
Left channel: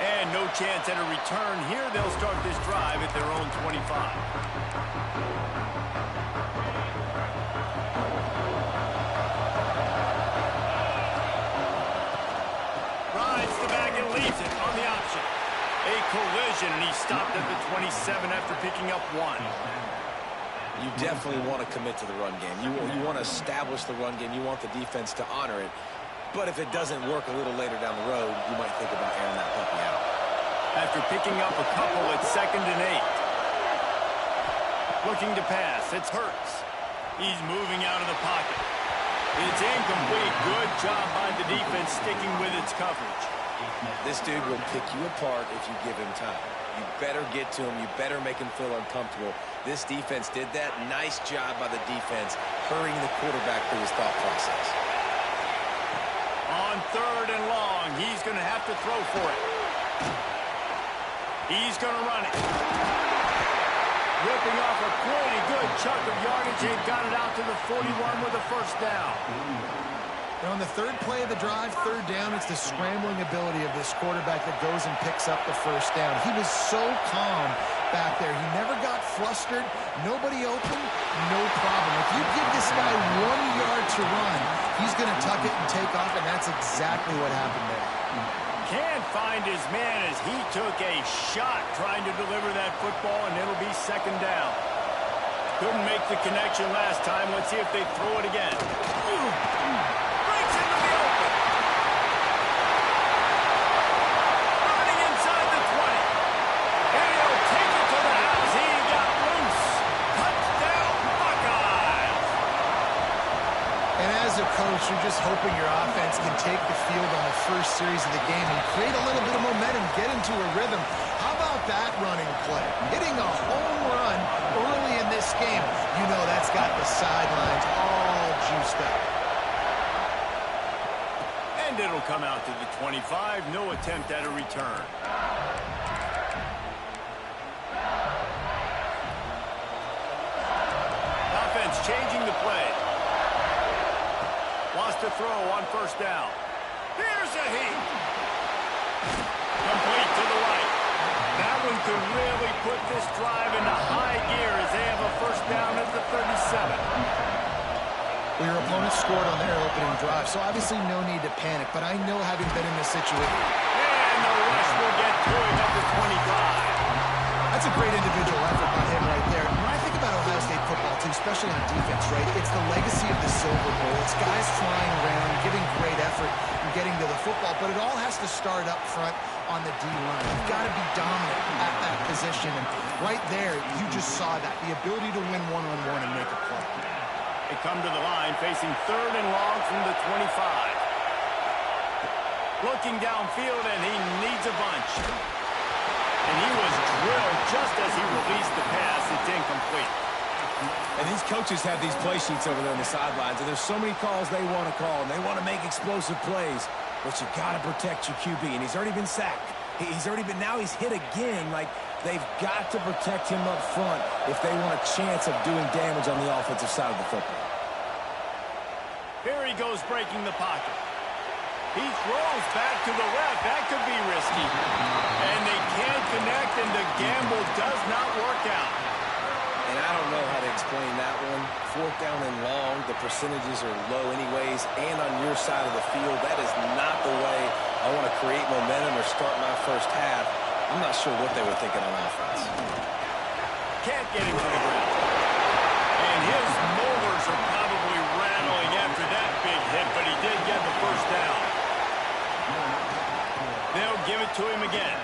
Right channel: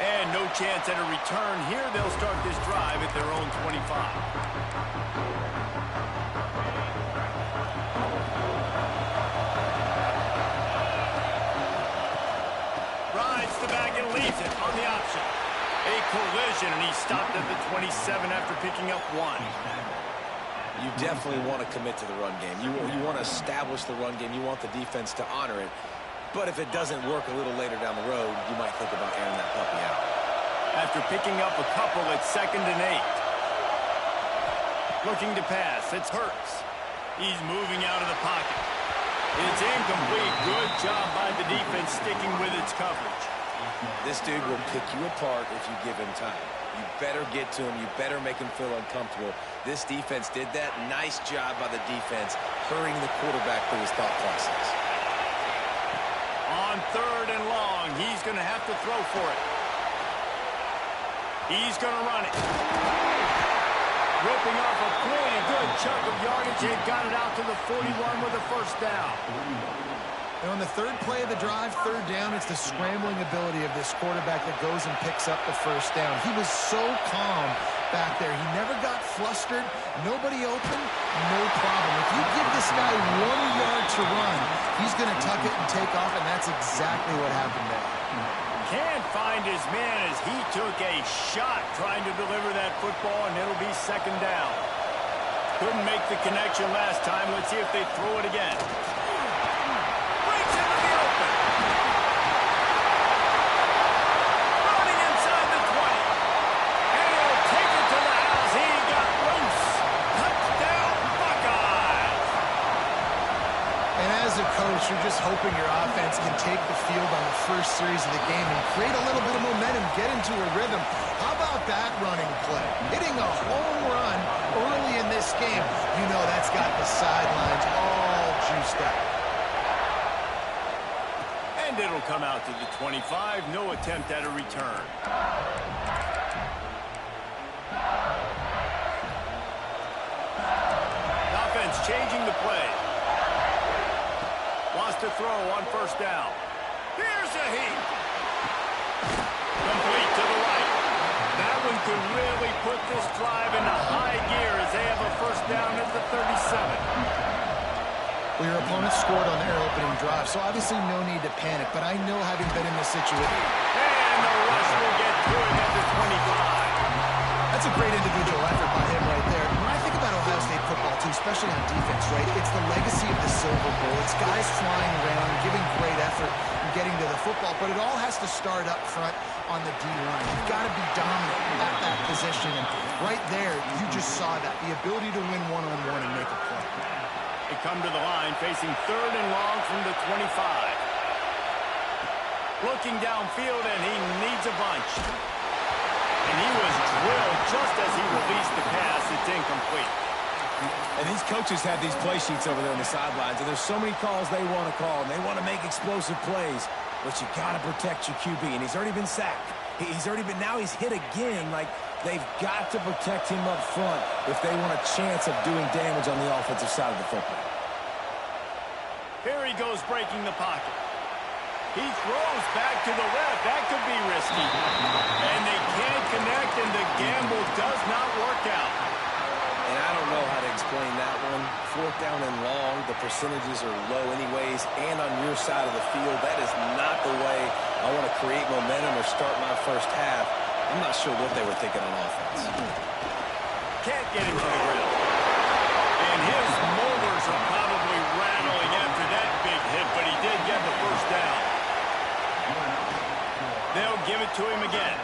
And no chance at a return here. They'll start this drive at their own 25. Rides the back and leaves it on the option. A collision, and he stopped at the 27 after picking up 1. You definitely want to commit to the run game. You want to establish the run game. You want the defense to honor it. But if it doesn't work a little later down the road, you might think about airing that puppy out. After picking up a couple, it's 2nd and 8. Looking to pass. It's Hurts. He's moving out of the pocket. It's incomplete. Good job by the defense sticking with its coverage. This dude will pick you apart if you give him time. You better get to him. You better make him feel uncomfortable. This defense did that. Nice job by the defense, hurrying the quarterback through his thought process. On 3rd and long, he's going to have to throw for it. He's going to run it. Ripping off a pretty good chunk of yardage. They've got it out to the 41 with a first down. And on the 3rd play of the drive, 3rd down, it's the scrambling ability of this quarterback that goes and picks up the first down. He was so calm back there. He never got flustered. Nobody open, no problem. If you give this guy 1 yard to run, he's going to tuck it and take off, and that's exactly what happened there. Can't find his man as he took a shot trying to deliver that football, and it'll be 2nd down. Couldn't make the connection last time. Let's see if they throw it again. Breaks into the open. Running inside the 20. And he'll take it to the house. He got loose. Touchdown, Buckeyes. And as a coach, you're just hoping your offense can take the field on the first series of the game and create a little bit of momentum, get into a rhythm. How about that running play? Hitting a home run early in this game. You know that's got the sidelines all juiced up. And it'll come out to the 25. No attempt at a return. Offense changing the play. Wants to throw on 1st down. Here's a heat. Complete to the right. That one could really put this drive into high gear as they have a first down at the 37. Well, your opponent scored on their opening drive, so obviously no need to panic. But I know, having been in this situation. And the rush will get to him at the 25. That's a great individual effort by him right there. When I think about Ohio State football, too, especially on defense, right, it's the legacy of the Silver Bowl. It's guys flying around, giving great effort, and getting to the football. But it all has to start up front on the D-line. You've got to be dominant at that position. And right there, you just saw that, the ability to win one-on-one and make a play. They come to the line, facing 3rd and long from the 25. Looking downfield, and he needs a bunch. And he was drilled just as he released the pass. It's incomplete. And these coaches have these play sheets over there on the sidelines, and there's so many calls they want to call, and they want to make explosive plays. But you got to protect your QB, and he's already been sacked. Now he's hit again. Like, they've got to protect him up front if they want a chance of doing damage on the offensive side of the football. Here he goes, breaking the pocket. He throws back to the left. That could be risky. And they can't connect, and the gamble does not work out. And I don't know how to explain that one. 4th down and long, the percentages are low anyways, and on your side of the field, that is not the way I want to create momentum or start my first half. I'm not sure what they were thinking on offense. Can't get him to the ground. And his molars are probably rattling after that big hit, but he did get the first down. They'll give it to him again.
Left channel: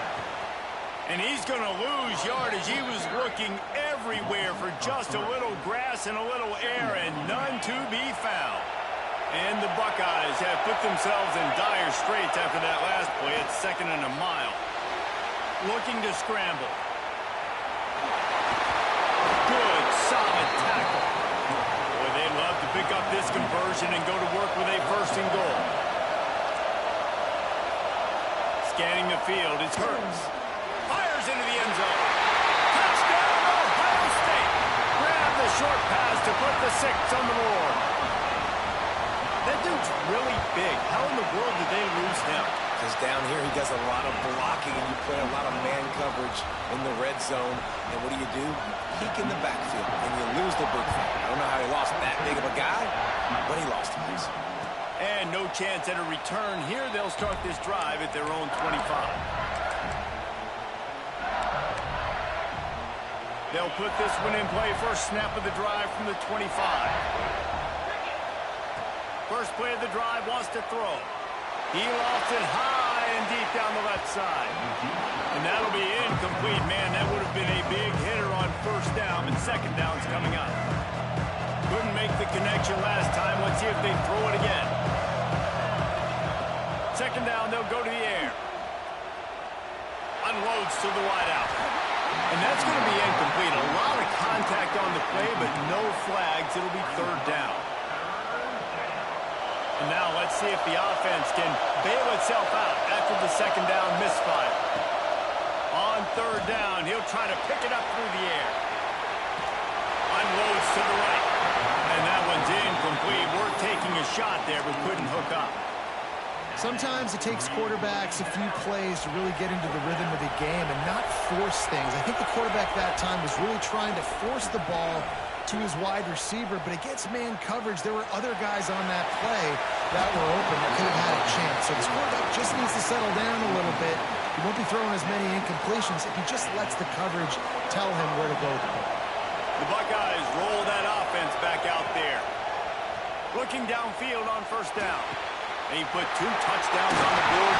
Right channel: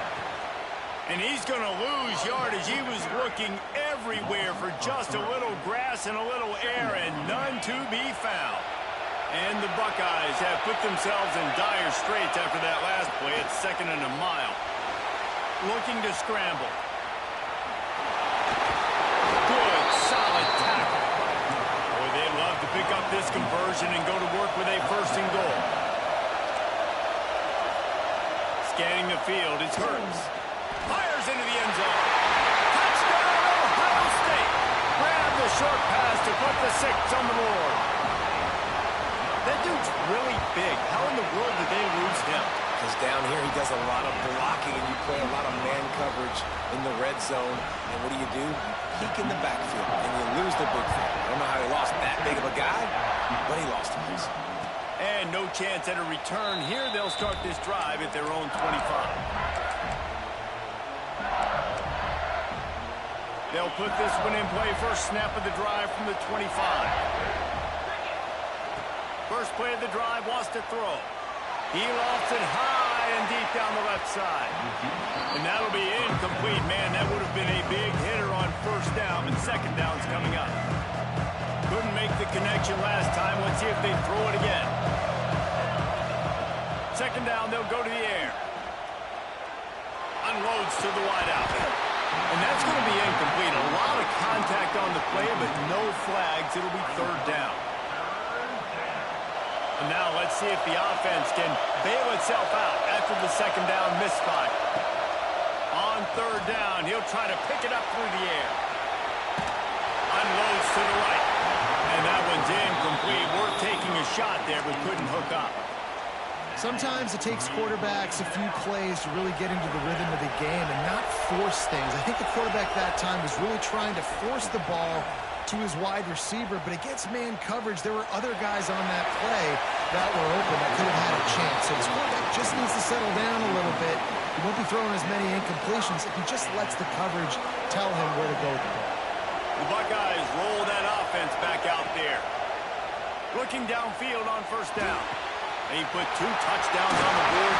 And he's going to lose yardage. He was looking everywhere for just a little grass and a little air, and none to be found. And the Buckeyes have put themselves in dire straits after that last play. It's 2nd and a mile. Looking to scramble. Good, solid tackle. Boy, they'd love to pick up this conversion and go to work with a 1st and goal. Scanning the field, it's Hurts. Fires into the end zone. Touchdown, Ohio State. Grab the short pass to put the 6 on the board. That dude's really big. How in the world did they lose him? Because down here he does a lot of blocking, and you play a lot of man coverage in the red zone. And what do? You peek in the backfield, and you lose the big thing. I don't know how he lost that big of a guy, but he lost him. And no chance at a return here. They'll start this drive at their own 25. They'll put this one in play. First snap of the drive from the 25. First play of the drive, wants to throw. He lofts it high and deep down the left side. And that'll be incomplete. Man, that would have been a big hitter on first down, and second down's coming up. Couldn't make the connection last time. Let's see if they throw it again. Second down, they'll go to the air. Unloads to the wideout. And that's going to be incomplete. A lot of contact on the play, but no flags. It'll be third down. And now let's see if the offense can bail itself out after the second down misfire. On third down, he'll try to pick it up through the air. Unloads to the right. And that one's incomplete. Worth taking a shot there, but couldn't hook up. Sometimes it takes quarterbacks a few plays to really get into the rhythm of the game and not force things. I think the quarterback that time was really trying to force the ball to his wide receiver, but against man coverage, there were other guys on that play that were open that could have had a chance. So this quarterback just needs to settle down a little bit. He won't be throwing as many incompletions if he just lets the coverage tell him where to go with the ball. The Buckeyes roll that offense back out there. Looking downfield on first down. They put 2 touchdowns on the board